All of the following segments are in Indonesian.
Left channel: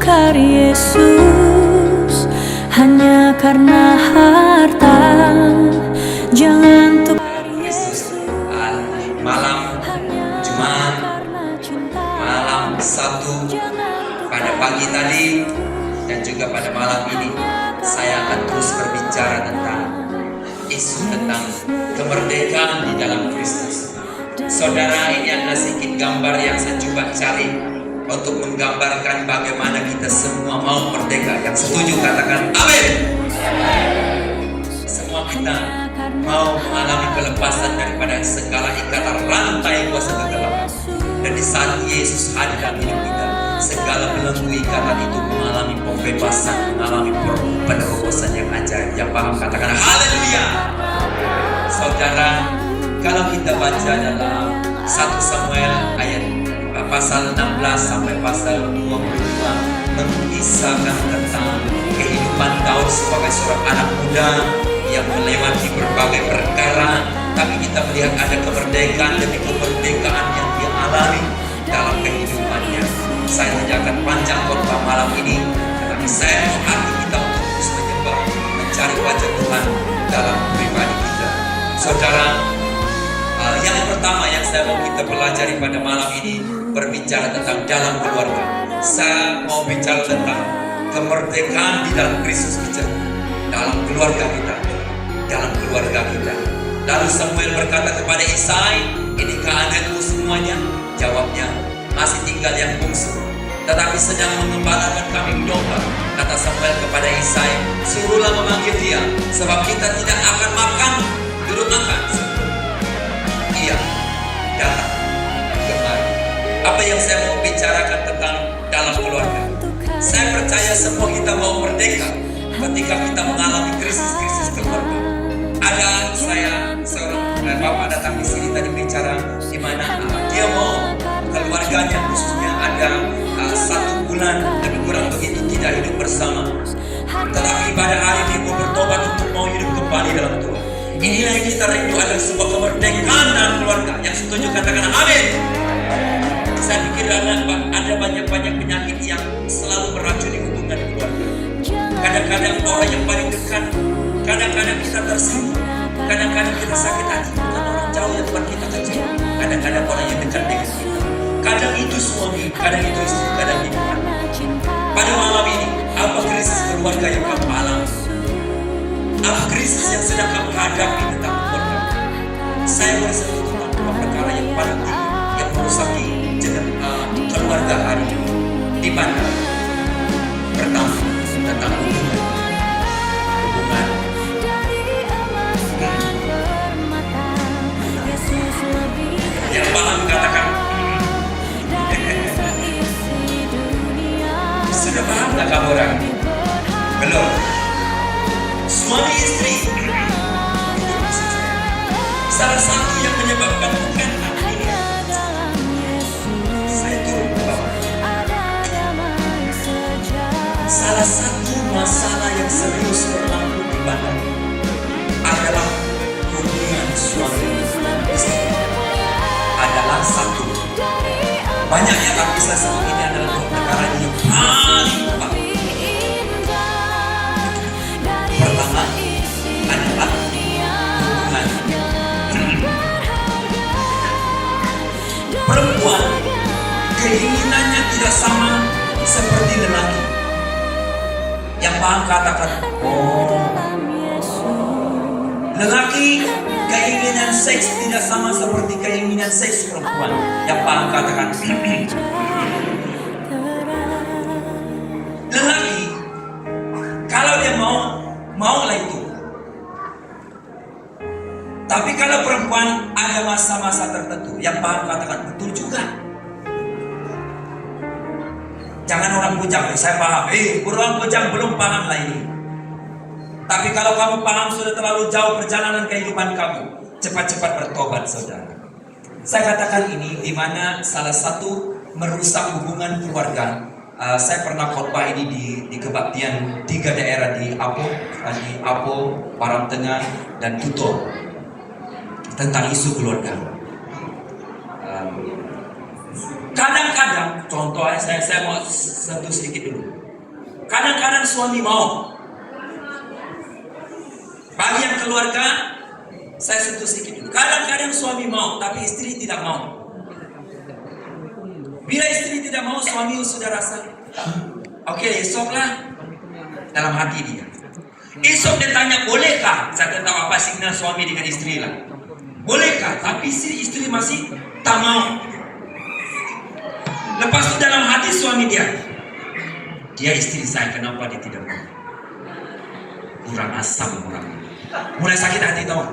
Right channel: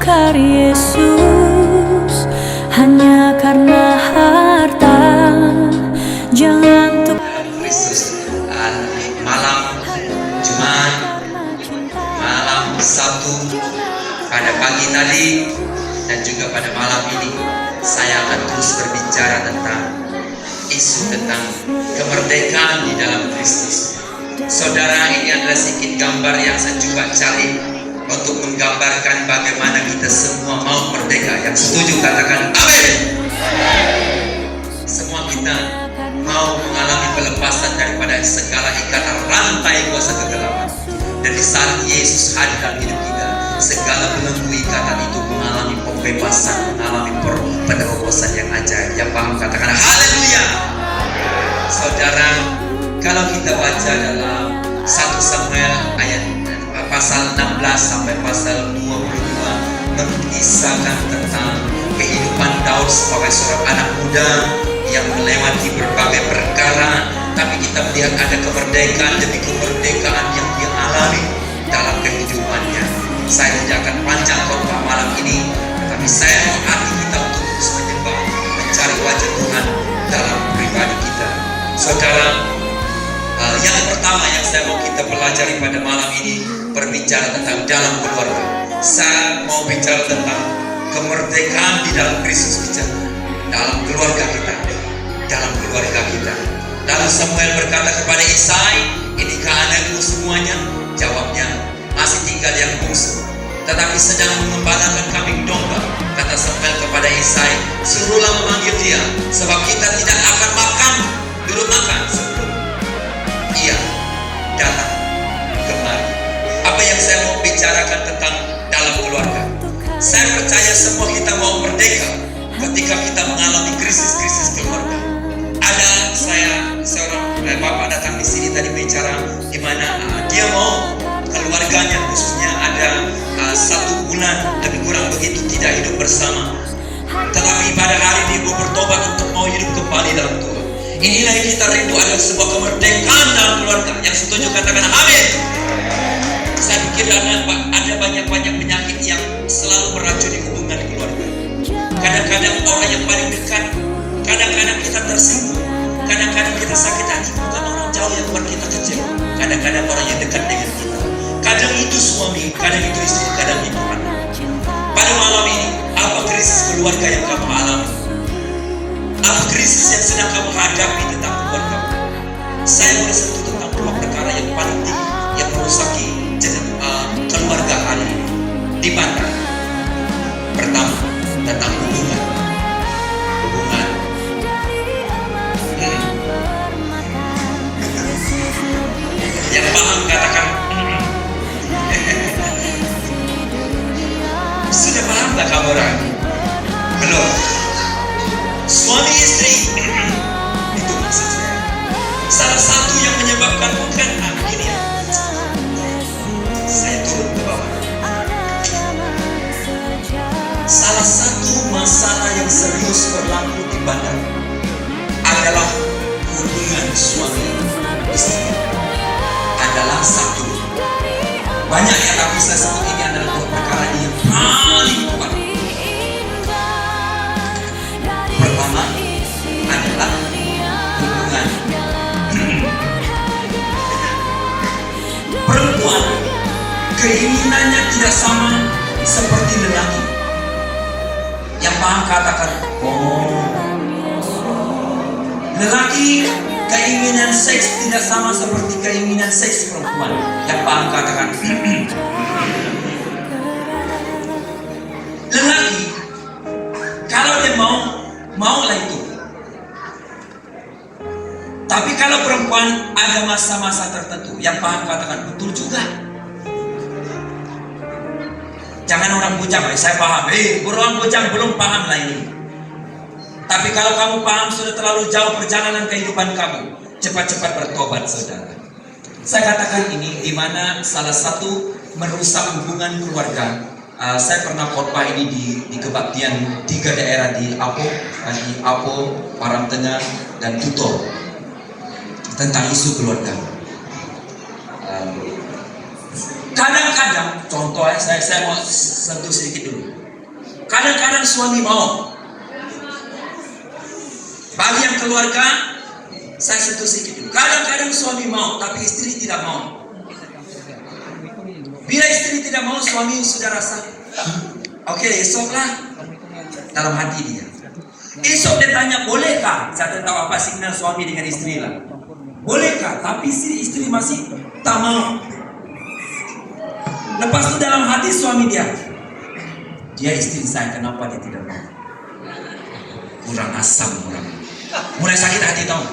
tukar Yesus hanya karena harta. Jangan tukar Yesus malam Jumat, malam Sabtu, pada pagi tadi dan juga pada malam ini saya akan terus berbicara tentang isu tentang kemerdekaan di dalam Kristus. Saudara, ini adalah sedikit gambar yang saya coba cari untuk menggambarkan bagaimana kita semua mau merdeka. Yang setuju katakan amin. Semua kita mau mengalami pelepasan daripada segala ikatan rantai kuasa kegelapan. Dan di saat Yesus hadir dalam hidup kita, segala belenggu ikatan itu mengalami pembebasan, mengalami penerobosan yang ajaib. Yang paham katakan haleluya. Saudara, kalau kita baca dalam 1 Samuel ayat pasal 16 sampai pasal 22 mengisahkan tentang kehidupan Daud sebagai seorang anak muda yang melewati berbagai perkara, tapi kita melihat ada kemerdekaan demi kemerdekaan yang dia alami dalam kehidupannya. Saya tidak akan panjang khotbah malam ini, tetapi saya hati kita untuk terus menyembah, mencari wajah Tuhan dalam pribadi kita. Saudara, yang pertama yang saya mau kita pelajari pada malam ini berbicara tentang dalam keluarga. Saya mau bicara tentang kemerdekaan di dalam Kristus, bicara dalam keluarga kita, dalam keluarga kita. Lalu Samuel berkata kepada Isai, inikah anakmu semuanya? Jawabnya, masih tinggal yang bungsu, tetapi sedang mengembalakan kambing domba. Kata Samuel kepada Isai, suruhlah memanggil dia, sebab kita tidak akan makan, belum makan sebelum ia datang kemari. Apa yang saya mau bicarakan tentang dalam keluarga? Saya percaya semua kita mau merdeka ketika kita mengalami krisis-krisis keluarga. Ada seorang bapak datang di sini tadi bicara di mana dia mau keluarganya khususnya ada 1 bulan lebih kurang begitu tidak hidup bersama, tetapi pada hari ini mau bertobat untuk mau hidup kembali dalam Tuhan. Inilah yang kita rindu, ada sebuah kemerdekaan dalam keluarga. Yang setuju katakan amin. Saya pikir ada banyak penyakit yang selalu beracuni hubungan keluarga. Kadang-kadang orang yang paling dekat, kadang-kadang kita tersinggung, kadang-kadang kita sakit hati bukan orang jauh yang buat kita kecewa, kadang-kadang orang yang dekat dengan kita. Kadang itu suami, kadang itu istri, kadang itu anak. Pada malam ini, apa krisis keluarga yang kamu alami? Apa krisis yang sedang kamu hadapi tentang keluarga? Saya merasa itu tentang dua perkara yang paling tinggi yang merusaki keluarga hari ini. Di mana? Pertama, tentang hubungan. Yang paham katakan. Sudah paham tak kamu orang? Belum. Suami istri itu maksud saya. Salah satu yang menyebabkan bukan akhirnya saya turun ke bawah. Salah satu masalah yang serius berlaku di badan adalah hubungan suami istri. Adalah satu. Banyak yang tak bisa sebut ini adalah perkara yang paling kuat. Pertama adalah hubungan. Perempuan keinginannya tidak sama seperti lelaki. Yang paham katakan lelaki keinginan seks tidak sama seperti keinginan seks perempuan. Yang paham katakan lelaki kalau dia maulah itu. Tapi kalau perempuan ada masa-masa tertentu. Yang paham katakan betul juga. Jangan orang bujang, saya paham. Orang bujang belum paham lah ini. Tapi kalau kamu paham sudah terlalu jauh perjalanan kehidupan kamu, cepat-cepat bertobat, saudara. Saya katakan ini di mana salah satu merusak hubungan keluarga. Saya pernah khotbah ini di kebaktian 3 daerah di Apo, Param Tengah, dan Tutor tentang isu keluarga. Kadang-kadang, contohnya saya mau sentuh sedikit dulu. Kadang-kadang suami mau. Bagi yang keluarga, saya sentuh sedikit dulu. Kadang-kadang suami mau, tapi istri tidak mau. Bila istri tidak mau, suami sudah rasa, oke, esoklah. Dalam hati dia. Esok dia tanya, bolehkah? Saya tahu apa signal suami dengan istri lah. Bolehkah? Tapi istri masih tak mau. Lepas itu dalam hati suami dia istri saya, kenapa dia tidak mau? Kurang asam orang. Mulai sakit hati tahu.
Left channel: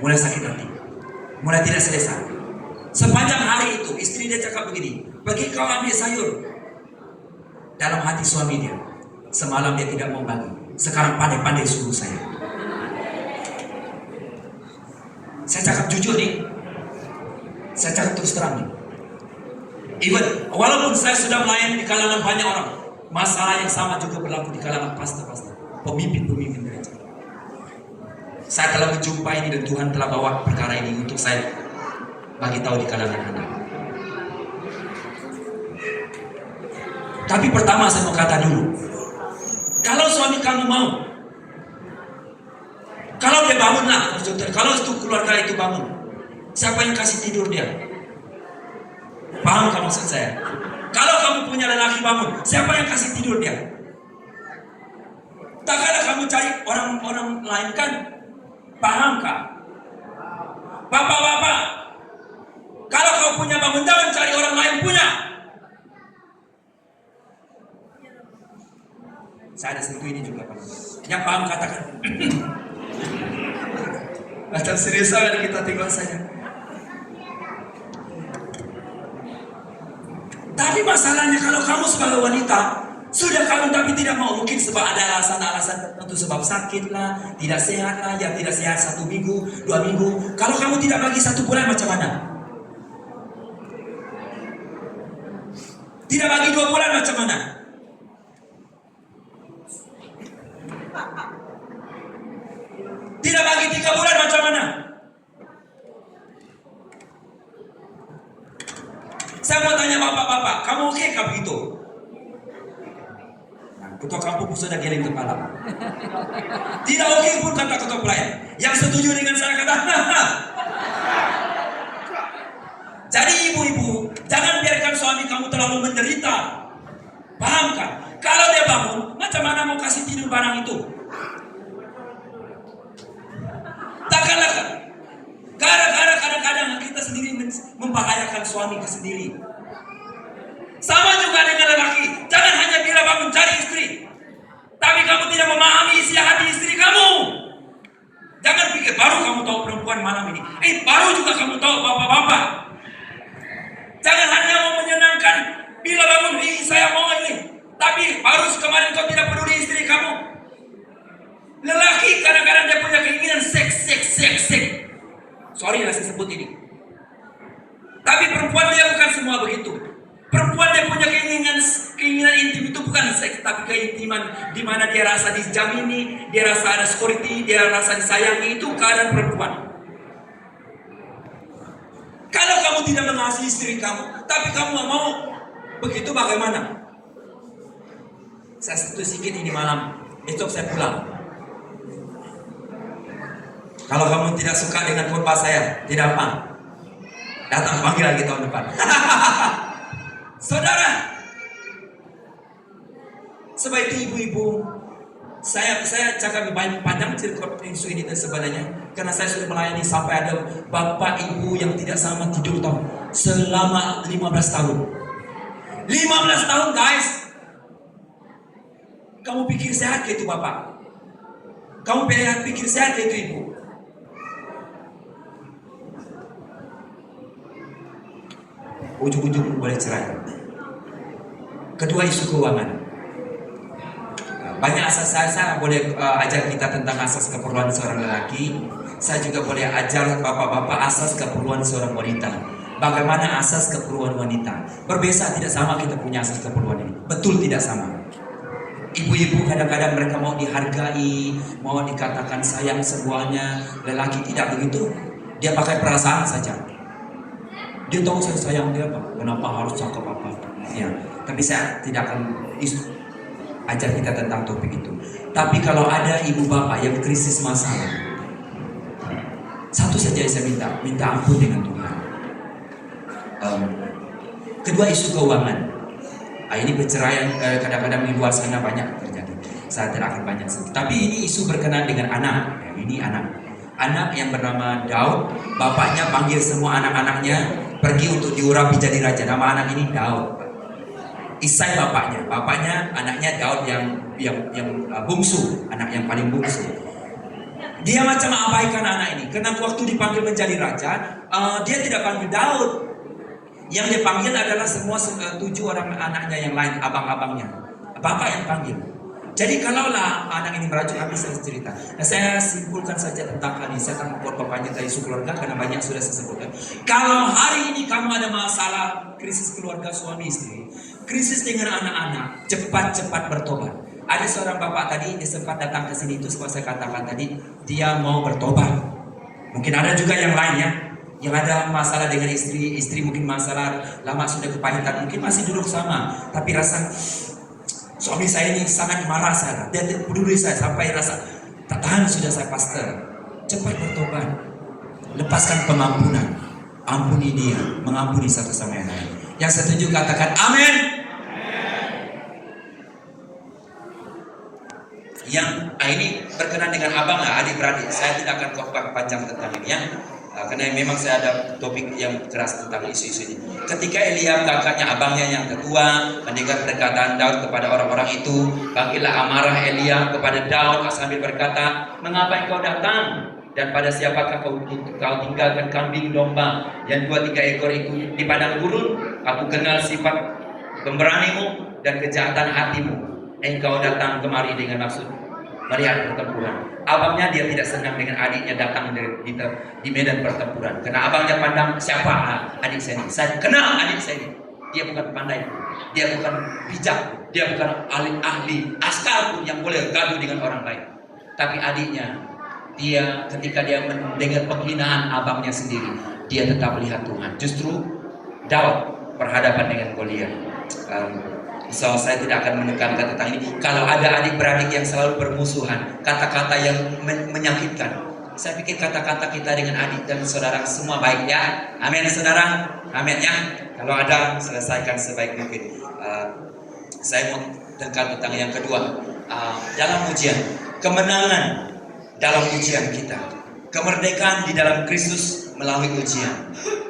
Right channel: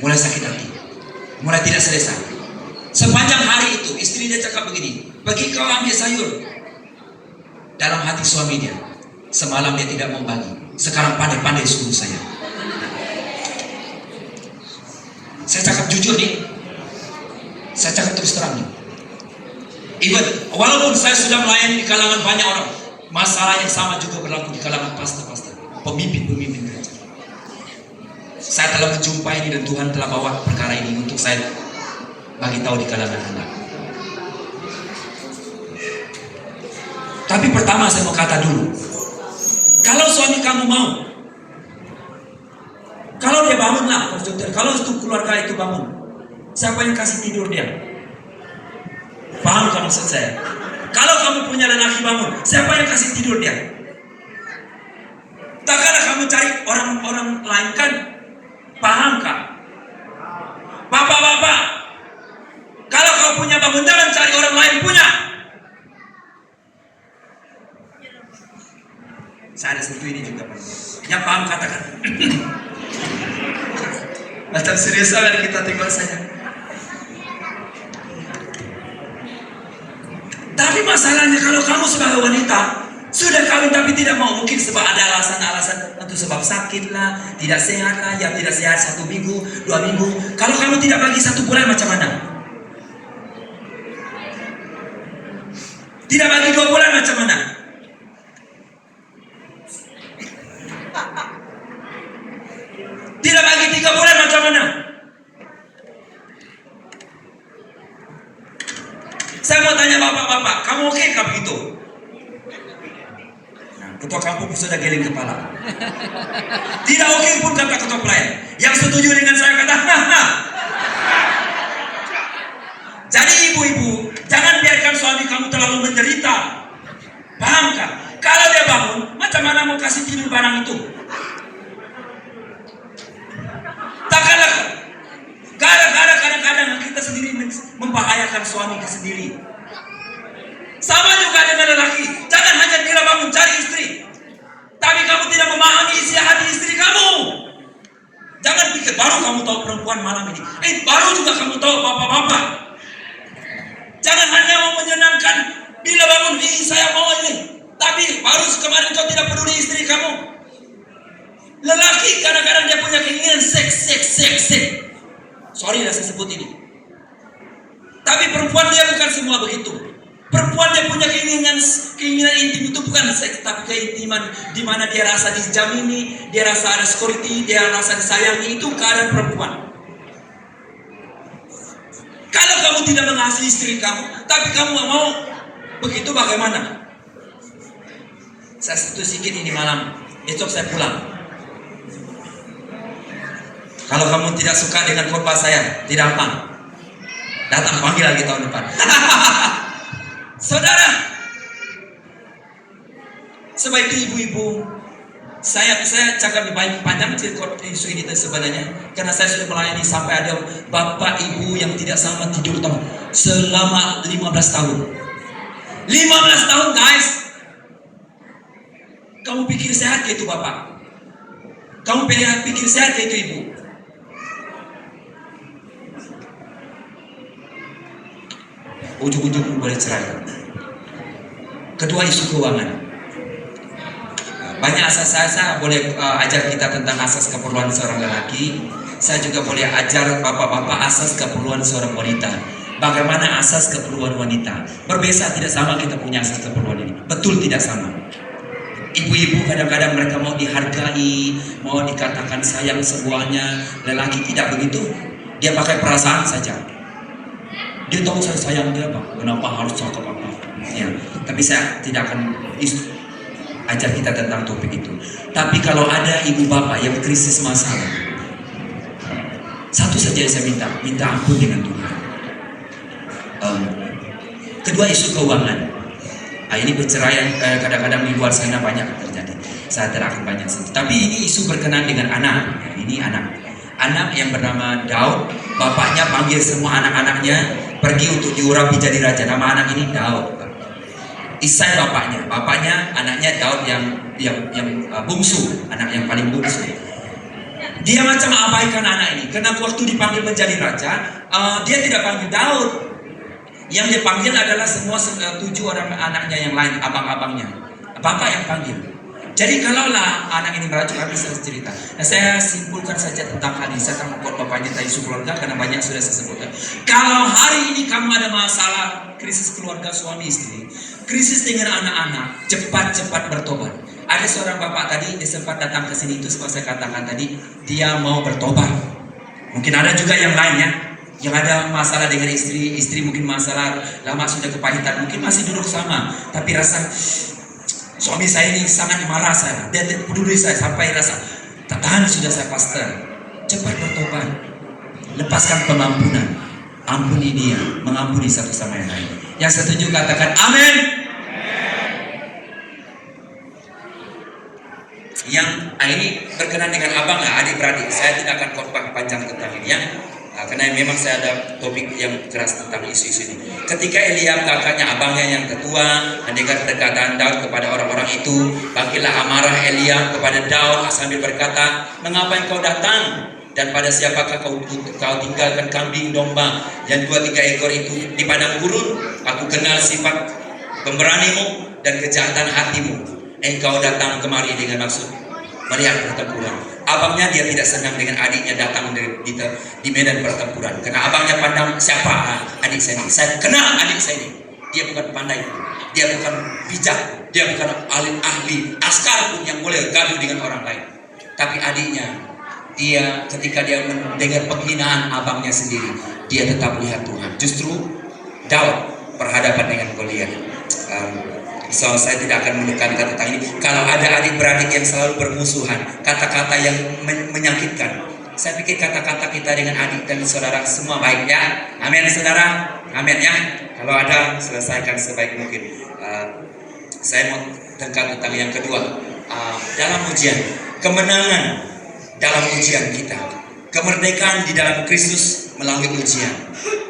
Mulai sakit hati. Mulai tidak selesai. Sepanjang hari itu istri dia cakap begini, pergi kau ambil sayur. Dalam hati suami dia, semalam dia tidak mau bagi, sekarang pandai-pandai suruh saya. Saya cakap jujur nih. Saya cakap terus terang nih. Even walaupun saya sudah melayani di kalangan banyak orang, masalah yang sama juga berlaku di kalangan pastor-pastor, pemimpin-pemimpin gereja. Saya telah menjumpai ini dan Tuhan telah bawa perkara ini untuk saya bagi tahu di kalangan Anda. Tapi pertama saya mau kata dulu, kalau suami kamu mau, kalau dia bangun lah, kalau itu keluarga itu bangun, siapa yang kasih tidur dia? Paham kamu maksud saya? Kalau kamu punya lelaki bangun, siapa yang kasih tidur dia? Tak ada kamu cari orang-orang lain kan? Paham kah? Bapak-bapak, kalau kau punya bangun, jangan cari orang lain punya. Saya ada satu ini juga, Pak. Yang paham katakan. Macam serius sekali kita tengok saja. Tapi masalahnya kalau kamu sebagai wanita sudah kawin tapi tidak mau, mungkin sebab ada alasan-alasan tertentu, sebab sakit lah, tidak sehat lah, yang tidak sehat 1 minggu, 2 minggu. Kalau kamu tidak bagi 1 bulan macam mana? Tidak bagi 2 bulan macam mana? Tidak bagi 3 bulan macam mana? Saya mau tanya bapak-bapak, kamu oke kah begitu? Nah, ketua kampung sudah geleng kepala. Tidak oke pun kata ketua pelayan. Yang setuju dengan saya kata, haha. Jadi ibu-ibu, jangan biarkan suami kamu terlalu menderita. Paham kah? Kalau dia bangun, macam mana mau kasih tidur barang itu? Takkanlah. Kadang-kadang kita sendiri membahayakan suami kita sendiri. Sama juga dengan lelaki. Jangan hanya bila bangun cari istri, tapi kamu tidak memahami isi hati istri kamu. Jangan pikir baru kamu tahu perempuan malam ini. Baru juga kamu tahu bapak-bapak. Jangan hanya mau menyenangkan bila bangun, saya mau ini. Tapi baru kemarin kau tidak peduli istri kamu. Lelaki kadang-kadang dia punya keinginan seks. Sorry lah saya sebut ini. Tapi perempuan dia bukan semua begitu. Perempuan dia punya keinginan intim itu bukan seks, tapi keintiman di mana dia rasa dijamini, dia rasa ada security, dia rasa disayangi, itu keadaan perempuan. Kalau kamu tidak mengasihi istri kamu, tapi kamu mau begitu bagaimana? Saya sentuh sedikit ini malam, esok saya pulang. Kalau kamu tidak suka dengan khotbah saya, tidak apa. Datang panggil lagi tahun depan. Saudara, sebab itu ibu-ibu, saya cakap lebih panjang cerita isu ini sebenarnya, karena saya sudah melayani sampai ada bapak ibu yang tidak sama tidur tahu selama 15 tahun. 15 tahun guys. Kamu pikir sehat ke itu bapak? Kamu pikir sehat ke itu ibu? Ujung-ujung boleh cerai. Kedua, isu keuangan. Banyak asas saya boleh ajar kita tentang asas keperluan seorang lelaki. Saya juga boleh ajar bapak-bapak asas keperluan seorang wanita. Bagaimana asas keperluan wanita? Berbeza, tidak sama kita punya asas keperluan ini. Betul tidak sama. Ibu-ibu kadang-kadang mereka mau dihargai, mau dikatakan sayang semuanya. Lelaki tidak begitu. Dia pakai perasaan saja. Dia tahu saya sayang dia, Pak. Kenapa harus cakap apa? Ya, tapi saya tidak akan ajar kita tentang topik itu. Tapi kalau ada ibu bapak yang krisis masalah, satu saja yang saya minta ampun dengan Tuhan. Kedua, isu keuangan. Ini perceraian kadang-kadang di luar sana banyak terjadi. Saya tidak akan banyak sentuh. Tapi ini isu berkenaan dengan anak. Ini anak yang bernama Daud. Bapaknya panggil semua anak-anaknya pergi untuk diurapi jadi raja. Nama anak ini Daud. Isai bapaknya anaknya Daud yang bungsu, anak yang paling bungsu. Dia macam abaikan anak ini. Karena waktu dipanggil menjadi raja, dia tidak panggil Daud. Yang dipanggil adalah semua 7 orang anaknya yang lain, abang-abangnya. Bapak yang panggil. Jadi kalaulah anak ini merajuk, habis saya cerita. Nah, saya simpulkan saja tentang hal ini. Saya akan membuat bapaknya tentang isu keluarga karena banyak sudah saya sebutkan. Kalau hari ini kamu ada masalah krisis keluarga suami istri, krisis dengan anak-anak, cepat-cepat bertobat. Ada seorang bapak tadi, dia sempat datang ke sini, itu seperti saya katakan tadi, dia mau bertobat. Mungkin ada juga yang lain ya, yang ada masalah dengan istri mungkin masalah lama sudah kepahitan, mungkin masih duduk sama, tapi rasa suami saya ini sangat marah saya, dia peduli saya sampai rasa tak tahan sudah saya pastor. Cepat bertobat, lepaskan pengampunan, ampuni dia, mengampuni satu sama yang lain. Yang setuju katakan amin. Yang ini berkenan dengan abang adik-beradik, saya tidak akan khotbah panjang tentang ini ya. Karena memang saya ada topik yang keras tentang isu-isu ini. Ketika Eliab kakaknya abangnya yang ketua mendengar perkataan Daud kepada orang-orang itu, bangkitlah amarah Eliab kepada Daud sambil berkata, mengapa engkau datang? Dan pada siapakah kau tinggalkan kambing domba yang 2-3 ekor itu di padang gurun? Aku kenal sifat pemberanimu dan kejahatan hatimu. Engkau datang kemari dengan maksud melihat pertempuran. Abangnya dia tidak senang dengan adiknya datang di medan pertempuran. Karena abangnya pandang siapa adik saya ini. Saya kenal adik saya ini. Dia bukan pandai, dia bukan bijak, dia bukan ahli askar pun yang boleh gaduh dengan orang lain. Tapi adiknya, dia ketika dia mendengar penghinaan abangnya sendiri, dia tetap melihat Tuhan. Justru Daud berhadapan dengan Goliat. So, saya tidak akan menekankan tentang ini. Kalau ada adik-beradik yang selalu bermusuhan, kata-kata yang menyakitkan, saya pikir kata-kata kita dengan adik dan saudara semua baik ya. Amin saudara, amin ya. Kalau ada, selesaikan sebaik mungkin. Saya mau tekankan tentang yang kedua. Dalam ujian, kemenangan dalam ujian kita, kemerdekaan di dalam Kristus melalui ujian.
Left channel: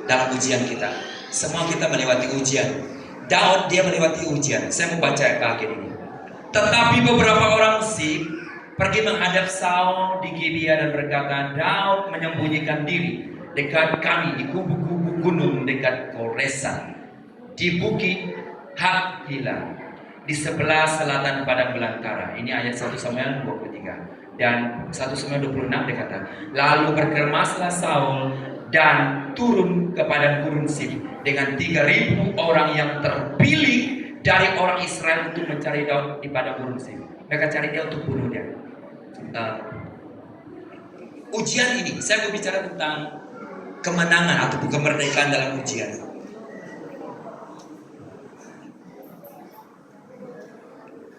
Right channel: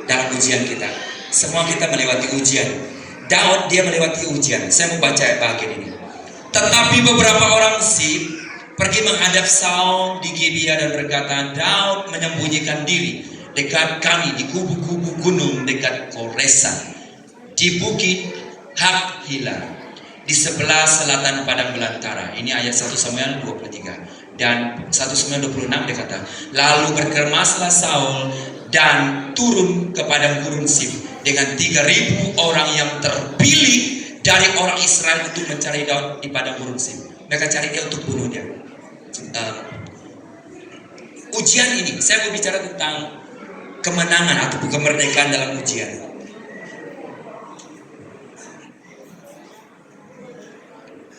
Dalam ujian kita, semua kita melewati ujian. Daud dia melewati ujian. Saya mau baca bagian ini. Tetapi beberapa orang Zif pergi menghadap Saul di Gibea dan berkata, Daud menyembunyikan diri dekat kami di kubu-kubu gunung dekat Koresa, di bukit Hakhila, di sebelah selatan padang belantara. Ini ayat 1 Samuel 23. Dan 1 Samuel 26 dia kata, lalu berkermaslah Saul dan turun ke padang gurun Zif dengan 3.000 orang yang terpilih dari orang Israel untuk mencari Daud di padang gurun Zif. Mereka cari dia untuk bunuh dia. Ujian ini, saya mau bicara tentang kemenangan atau kemerdekaan dalam ujian.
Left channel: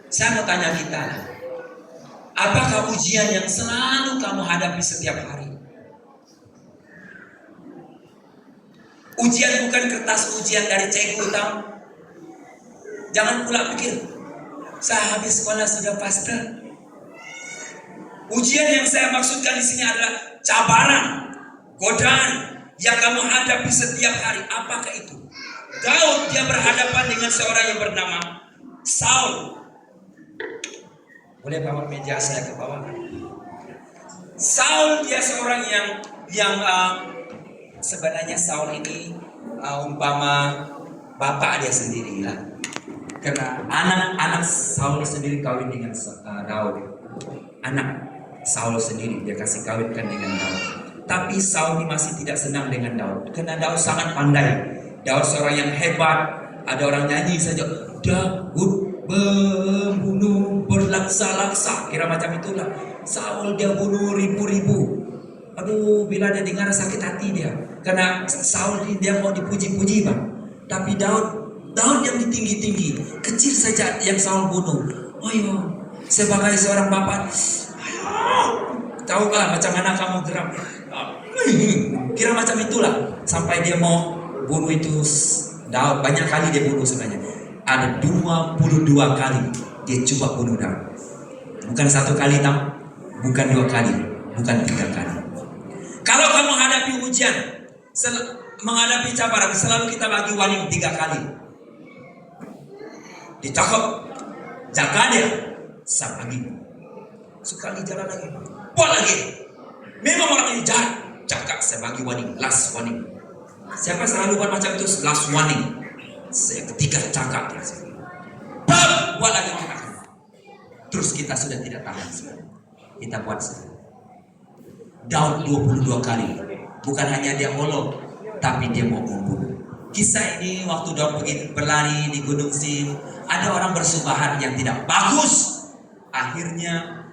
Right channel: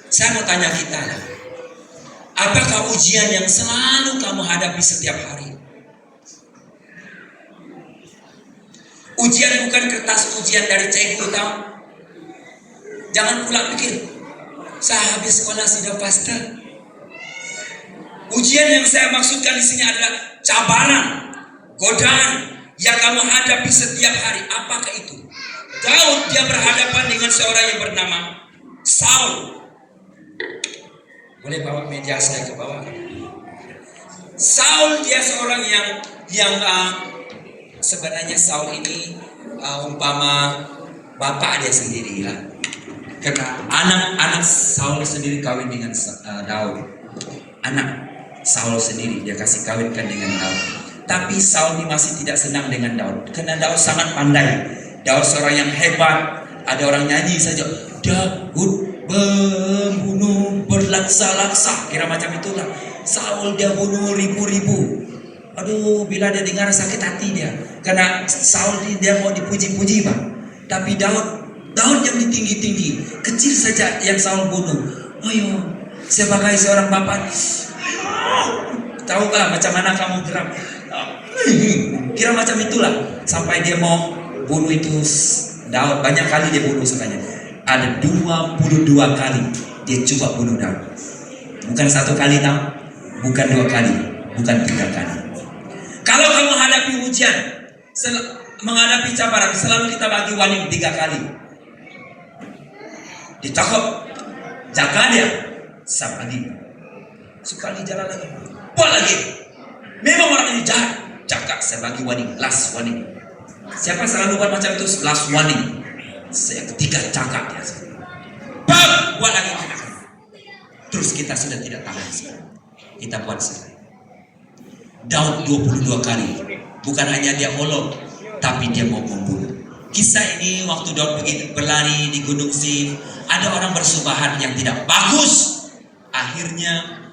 Saya mau tanya kita, apakah ujian yang selalu kamu hadapi setiap hari? Ujian bukan kertas ujian dari cikgu, tahu? Jangan pula pikir, saya habis sekolah sudah pastor. Ujian yang saya maksudkan di sini adalah cabaran, godaan yang kamu hadapi setiap hari. Apakah itu? Daud dia berhadapan dengan seorang yang bernama Saul. Boleh bawa meja saya ke bawah? Saul dia seorang yang sebenarnya Saul ini umpama bapak dia sendiri ya. Karena anak Saul sendiri kawin dengan Daud. Anak Saul sendiri dia kasih kawinkan dengan Daud. Tapi Saul ini masih tidak senang dengan Daud. Karena Daud sangat pandai. Daud seorang yang hebat. Ada orang nyanyi saja, Daud membunuh berlaksa-laksa. Kira macam itulah. Saul dia bunuh ribu-ribu. Aduh, bila dia dengar sakit hati dia. Karena Saul dia mau dipuji-puji bang. Tapi Daud yang tinggi-tinggi, kecil saja yang Saul bunuh. Oh iya, sebagai seorang bapak, tahukah macam mana kamu gerak? Kira macam itulah. Sampai dia mau bunuh itu Daud. Banyak kali dia bunuh sebenarnya. Ada 22 kali dia coba bunuh Daud. Bukan 1 kali, bukan 2 kali, bukan 3 kali. Kalau kamu hadapi ujian, menghadapi cabaran, selalu kita bagi warning 3 kali. Ditangkap, jaga dia, lagi, sekali jalan lagi, buat lagi. Memang orang ini jahat, jaga, saya bagi warning, last warning. Siapa selalu buat macam itu, last warning. Saya ketiga cakap dia, buat lagi. Terus kita sudah tidak tahan sekarang. Kita buat sekarang. Daud 22 kali. Bukan hanya dia holok, tapi dia mau membunuh. Kisah ini waktu Daud berlari di Gunung Sin, ada orang bersubahat yang tidak bagus. Akhirnya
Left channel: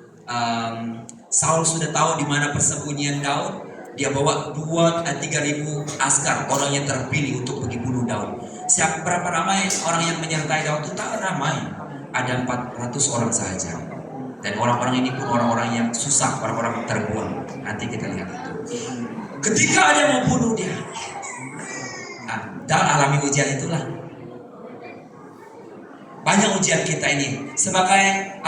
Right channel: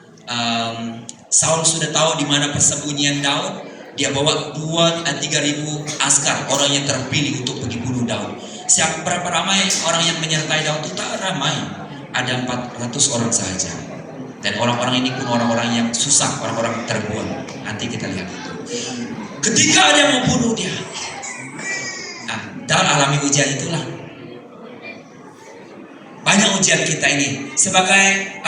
Saul sudah tahu di mana persembunyian Daud. Dia bawa 3.000 askar, orang yang terpilih untuk pergi bunuh Daud. Berapa ramai orang yang menyertai Daud itu? Tak ramai. Ada 400 orang saja. Dan orang-orang ini pun orang-orang yang susah, orang-orang terbuang. Nanti kita lihat itu. Ketika ada yang mau bunuh dia, dalam alami ujian itulah. Banyak ujian kita ini sebagai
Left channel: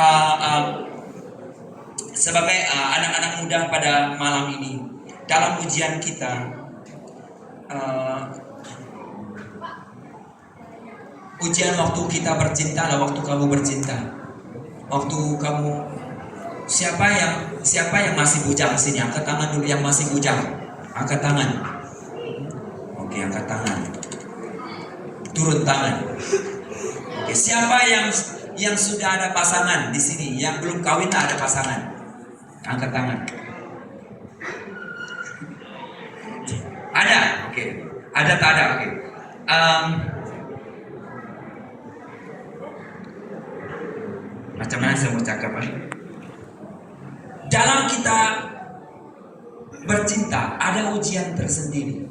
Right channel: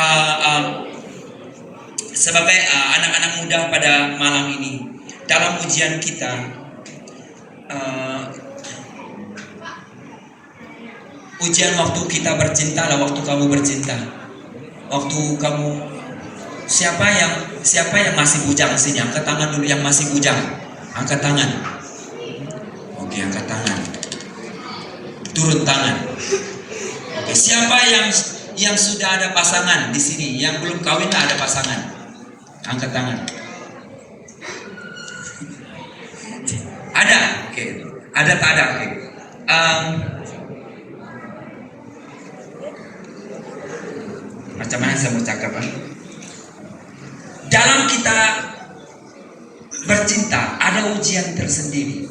anak-anak muda pada malam ini. Dalam ujian kita, ujian waktu kita bercinta lah, waktu kamu bercinta, waktu kamu siapa yang masih bujang sini, angkat tangan dulu yang masih bujang, angkat tangan. Oke, angkat tangan, turun tangan. Oke, siapa yang sudah ada pasangan di sini, yang belum kawin tak ada pasangan, angkat tangan. Ada, oke. Ada tak ada, oke. Macam mana saya mau cakap? Dalam kita bercinta ada ujian tersendiri,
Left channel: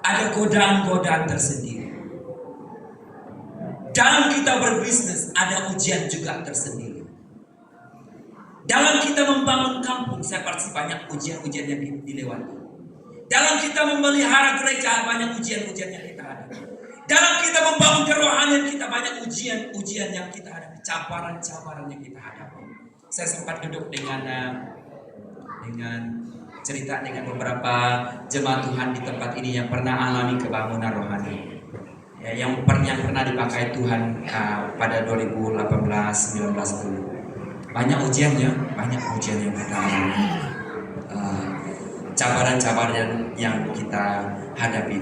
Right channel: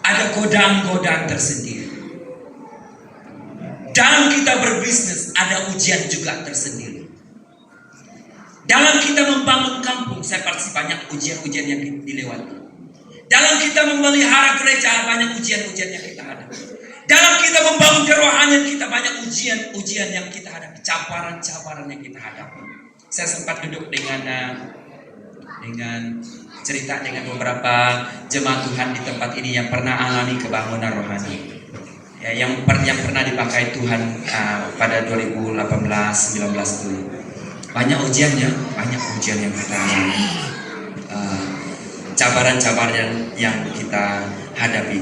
ada godaan-godaan tersendiri. Dalam kita berbisnis ada ujian juga tersendiri. Dalam kita membangun kampung, saya pasti banyak ujian-ujian yang dilewati. Dalam kita memelihara gereja banyak ujian-ujian yang kita hadapi. Dalam kita membangun kerohanian kita banyak ujian-ujian yang kita hadapi, cabaran-cabaran yang kita hadapi. Saya sempat duduk dengan cerita dengan beberapa jemaat Tuhan di tempat ini yang pernah alami kebangunan rohani. Ya, yang pernah dipakai Tuhan pada 2018-19 dulu. Banyak ujiannya, banyak ujian yang kita alami, cabaran-cabaran yang kita hadapi.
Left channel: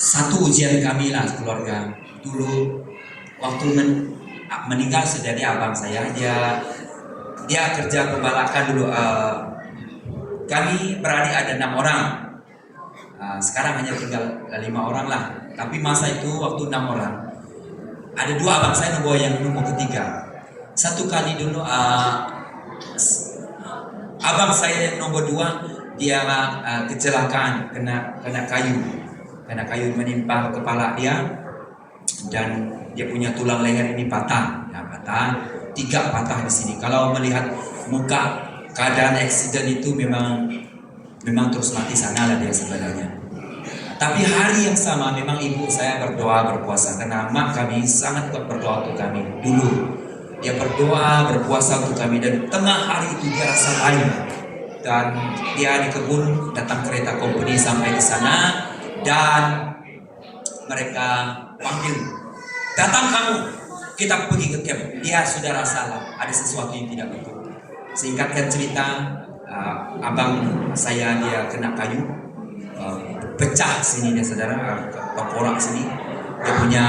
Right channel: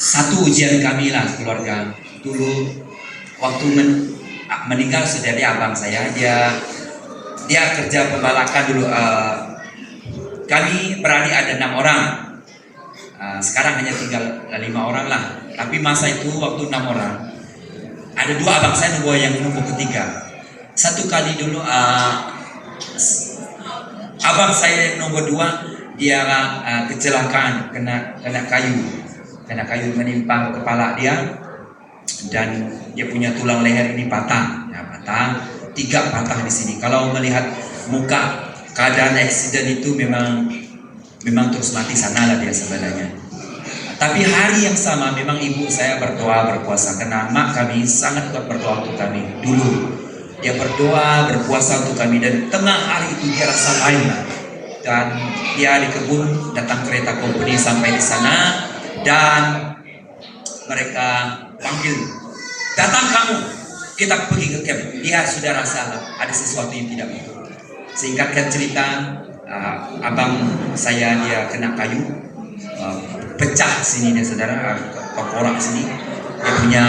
Satu ujian kami lah keluarga dulu waktu meninggal sudah ada abang saya, dia kerja pembalakan dulu. Kami beradik ada 6 orang. Sekarang hanya tinggal 5 orang lah. Tapi masa itu waktu 6 orang, ada 2 abang saya yang nomor ketiga. Satu kali dulu abang saya yang nomor 2 dia kecelakaan kena kayu menimpa kepala dia, dan dia punya tulang leher ini patah. Ya, patah 3 patah di sini. Kalau melihat muka keadaan eksiden itu memang terus mati sana lah dia sebenarnya. Tapi hari yang sama memang ibu saya berdoa berpuasa, karena mak kami sangat berdoa untuk kami dulu. Dia berdoa berpuasa untuk kami, dan tengah hari itu dia rasa lain, dan dia di kebun datang kereta company sampai di sana, dan mereka panggil, datang kamu, kita pergi ke camp. Dia sudah rasa ada sesuatu yang tidak betul. Singkatkan cerita, abang saya dia kena kayu, pecah sini dia saudara, korak sini. Dia punya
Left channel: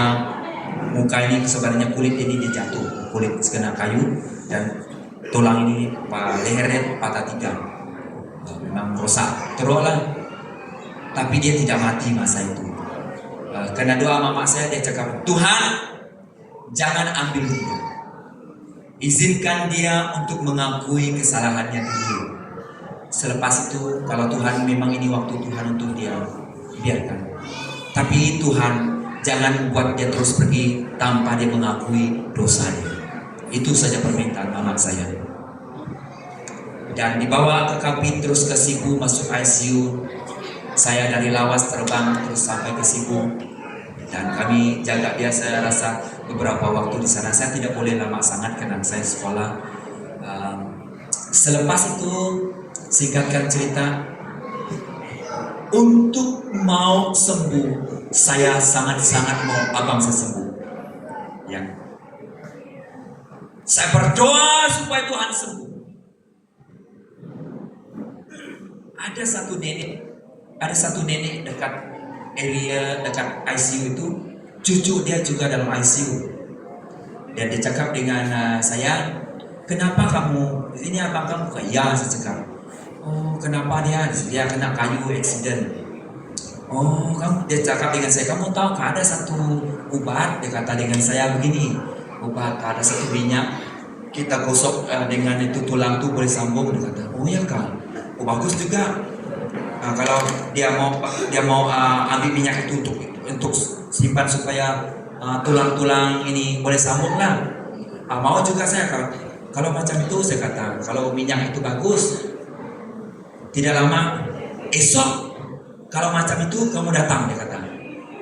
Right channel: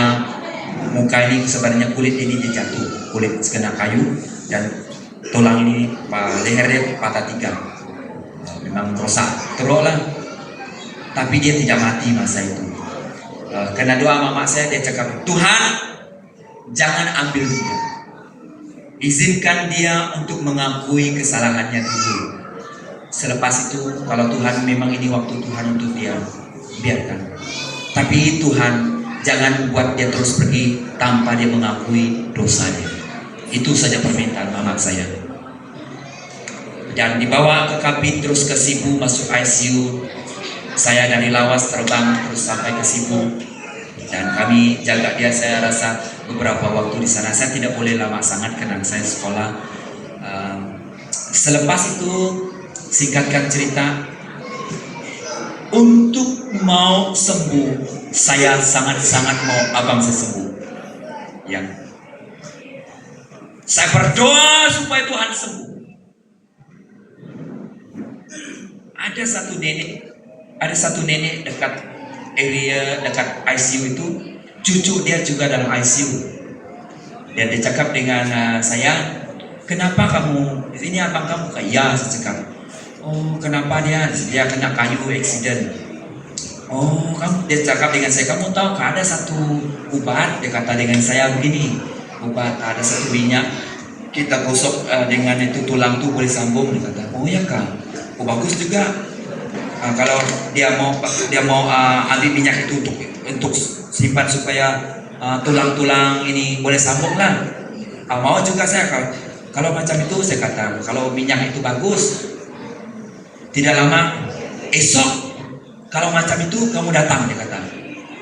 muka ini sebenarnya kulit ini dia jatuh, kulit kena kayu, dan tulang ini lehernya patah 3. Memang rosak, teruk lah. Tapi dia tidak mati masa itu. Karena doa mama saya, dia cakap, Tuhan jangan ambil dia, izinkan dia untuk mengakui kesalahannya dulu. Selepas itu kalau Tuhan memang ini waktu Tuhan untuk dia, biarkan. Tapi Tuhan jangan buat dia terus pergi tanpa dia mengakui dosanya. Itu saja permintaan mama saya. Dan dibawa ke Kapit terus ke Sibu, masuk ICU. Saya dari Lawas terbang terus sampai ke Sibu. Dan kami jaga dia, saya rasa beberapa waktu di sana. Saya tidak boleh lama sangat karena saya sekolah. Selepas itu, singkatkan cerita, untuk mau sembuh, saya sangat-sangat mau abang saya sembuh. Ya, saya berdoa supaya Tuhan sembuh. Ada satu nenek dekat area dekat ICU itu, cucu dia juga dalam ICU. Dan dia cakap dengan saya, kenapa kamu, ini abang kamu? Ya, saya cakap. Oh, kenapa dia kena kayu accident? Oh, dia cakap dengan saya, kamu tahu ada satu obat, dia kata dengan saya begini, obat ada satu minyak, kita gosok dengan itu tulang tuh boleh sambung, dia kata. Oh ya kan, oh bagus juga. Kalau dia mau ambil minyak itu untuk simpan supaya tulang-tulang ini boleh sambung lah. Mau juga saya kalau macam itu, saya kata kalau minyak itu bagus. Tidak lama esok kalau macam itu kamu datang, dia kata.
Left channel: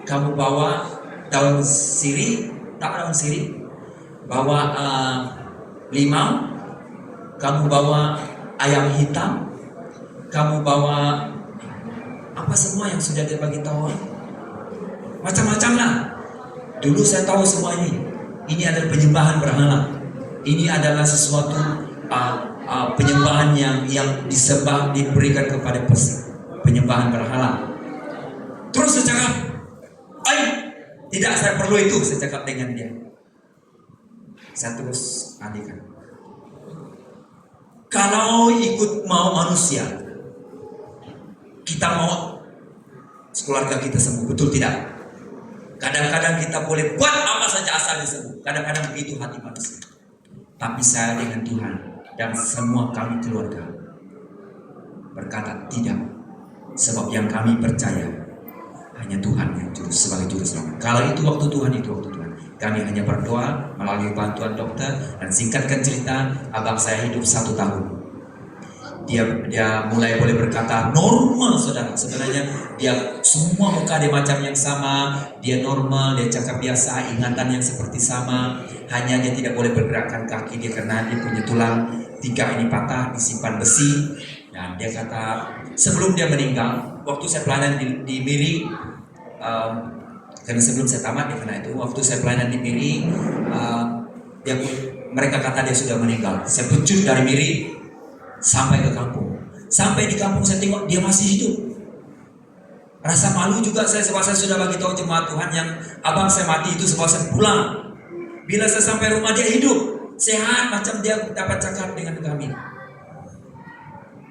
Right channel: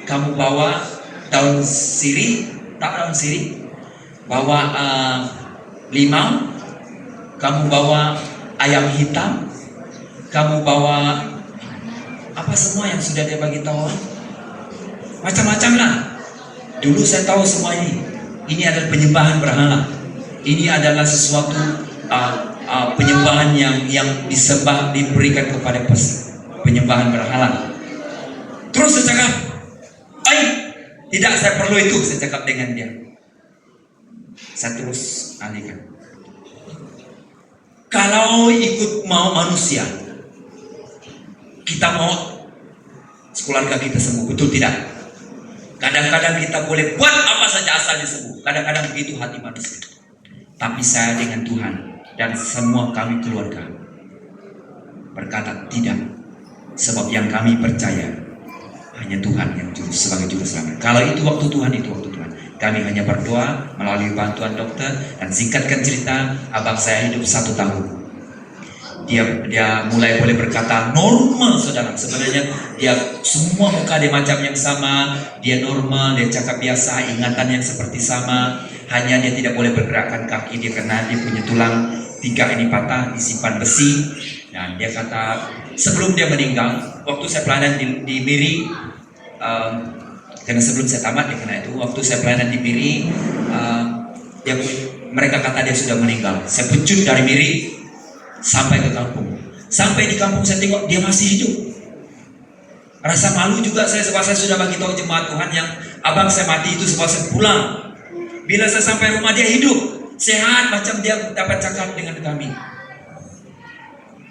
Kamu bawa daun sirih, bawa limau, kamu bawa ayam hitam, kamu bawa apa semua yang sudah dia bagi tahu, macam-macam lah. Dulu saya tahu semua ini. Ini adalah penyembahan berhala. Ini adalah sesuatu penyembahan yang disembah, diberikan kepada penyembahan berhala. Terus saya cakap, tidak, saya perlu itu. Saya cakap dengan dia. Saya terus alihkan. Kalau ikut mau manusia, kita mau keluarga kita sembuh, betul tidak? Kadang-kadang kita boleh buat apa saja asalnya sembuh. Kadang-kadang begitu hati manusia. Tapi saya dengan Tuhan dan semua kami keluarga berkata tidak, sebab yang kami percaya hanya Tuhan yang sebagai juru selamat. Kalau itu waktu Tuhan, itu waktu Tuhan. Kami hanya berdoa melalui bantuan dokter. Dan singkatkan cerita, abang saya hidup 1 tahun. Dia mulai boleh berkata normal, saudara. Sebenarnya dia semua muka dia macam yang sama, dia normal, dia cakap biasa, ingatan yang seperti sama. Hanya dia tidak boleh bergerakkan kaki dia karena dia punya tulang 3 ini patah, disimpan besi. Dan dia kata sebelum dia meninggal, waktu saya pelayanan di Miri, karena sebelum saya tamat dia kena itu, waktu saya pelayanan di Miri, mereka kata dia sudah meninggal. Saya pecut dari Miri sampai ke kampung. Sampai di kampung saya tengok dia masih hidup. Rasa malu juga saya sebab saya sudah bagi tahu jemaat Tuhan yang abang saya mati itu sebab saya pulang. Bila saya sampai rumah dia hidup, sehat macam dia dapat cakap dengan kami.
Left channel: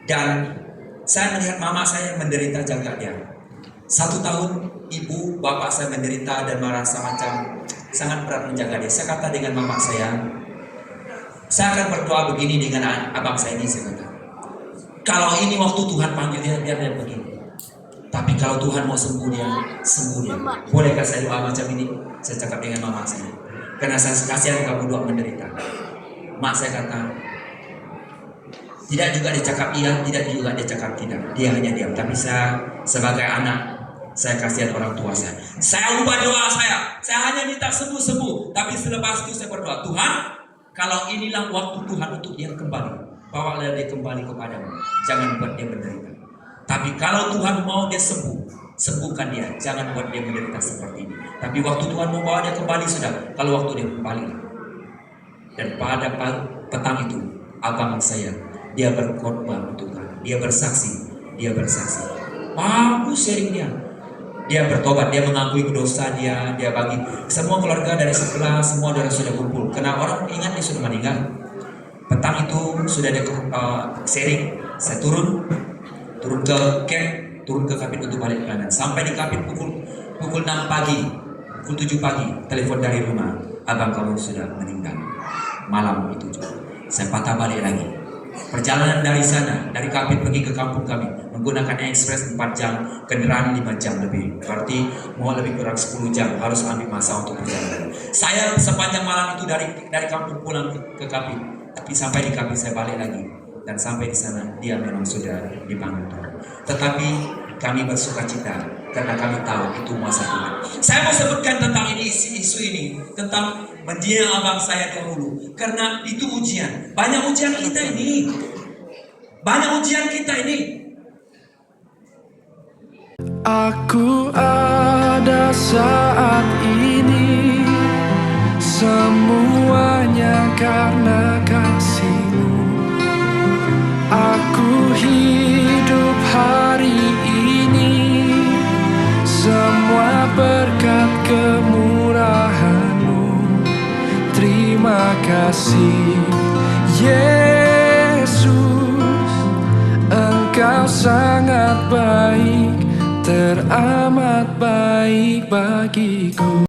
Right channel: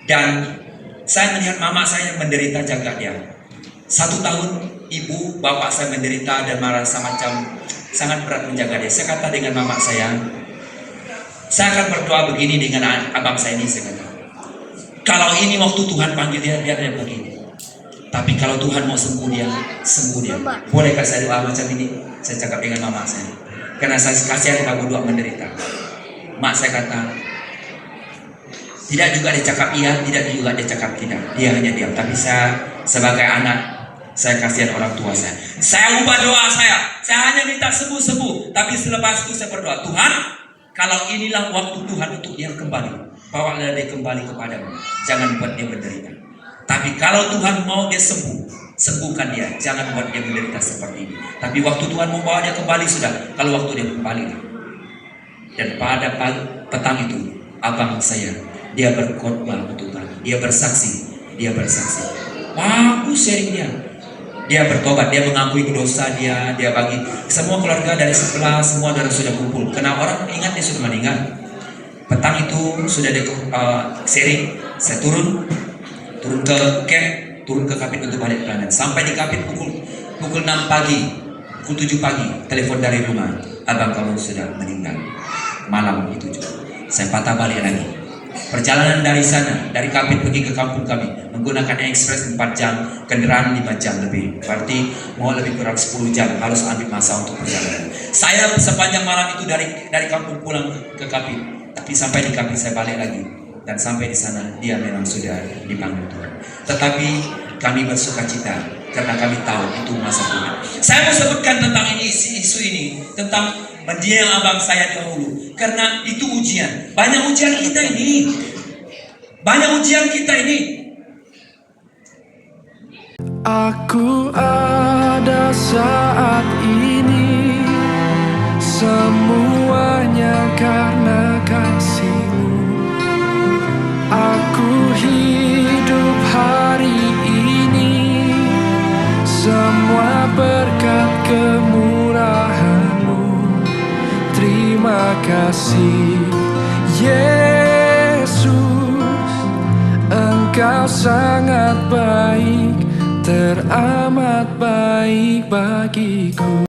Dan saya melihat mama saya yang menderita jaga dia. 1 tahun ibu bapak saya menderita dan merasa macam sangat berat menjaga dia. Saya kata dengan mama saya akan berdoa begini dengan abang saya ini. Saya kata, kalau ini waktu Tuhan panggil dia, biar dia begini. Tapi kalau Tuhan mau sembuh dia, sembuh dia. Bolehkah saya doa macam ini? Saya cakap dengan mama saya. Karena saya kasihan kamu dua menderita. Mak saya kata, tidak juga dia cakap iya, tidak juga dia cakap tidak. Dia hanya diam. Tapi saya sebagai anak, saya kasihan orang tua saya. Saya ubah doa saya. Saya hanya minta sembuh-sembuh. Tapi selepas itu saya berdoa, Tuhan, kalau inilah waktu Tuhan untuk dia kembali, bawalah dia kembali kepadamu. Jangan buat dia menderita. Tapi kalau Tuhan mau dia sembuh, sembuhkan dia. Jangan buat dia menderita seperti ini. Tapi waktu Tuhan mau bawa dia kembali sudah. Kalau waktu dia kembali. Dan pada petang itu, abang saya, dia berkhotbah untuk Tuhan. Dia bersaksi. Bagus sharing dia. Dia bertobat, dia mengakui dosa dia bagi semua keluarga dari sebelah, semua darah sudah kumpul. Karena orang ingat dia sudah meninggal. Petang itu sudah ada sharing. Saya turun ke camp, turun ke Kapit untuk balik pelayanan. Sampai di Kapit pukul 6 pagi, pukul 7 pagi, telepon dari rumah, abang kamu sudah meninggal. Malam itu juga. Saya patah balik lagi. Perjalanan dari sana, dari Kapit pergi ke kampung kami menggunakan ekspres 4 jam, kendaraan 5 jam lebih. Berarti mau lebih kurang 10 jam harus ambil masa untuk perjalanan. Saya sepanjang malam itu dari kampung pulang ke Kapit, tapi sampai di Kapit saya balik lagi, dan sampai di sana dia memang sudah dipanggil Tuhan. Tetapi kami bersuka cita karena kami tahu itu masa Tuhan. Saya mau sebutkan tentang ini, isu ini, tentang mendiang abang saya dahulu, karena itu ujian. Banyak ujian kita ini. Aku ada saat ini, semuanya karena kasih-Mu. Aku hidup hari ini, semua berkat kemurahan-Mu. Terima kasih Yesus, Engkau sangat baik, teramat baik bagiku.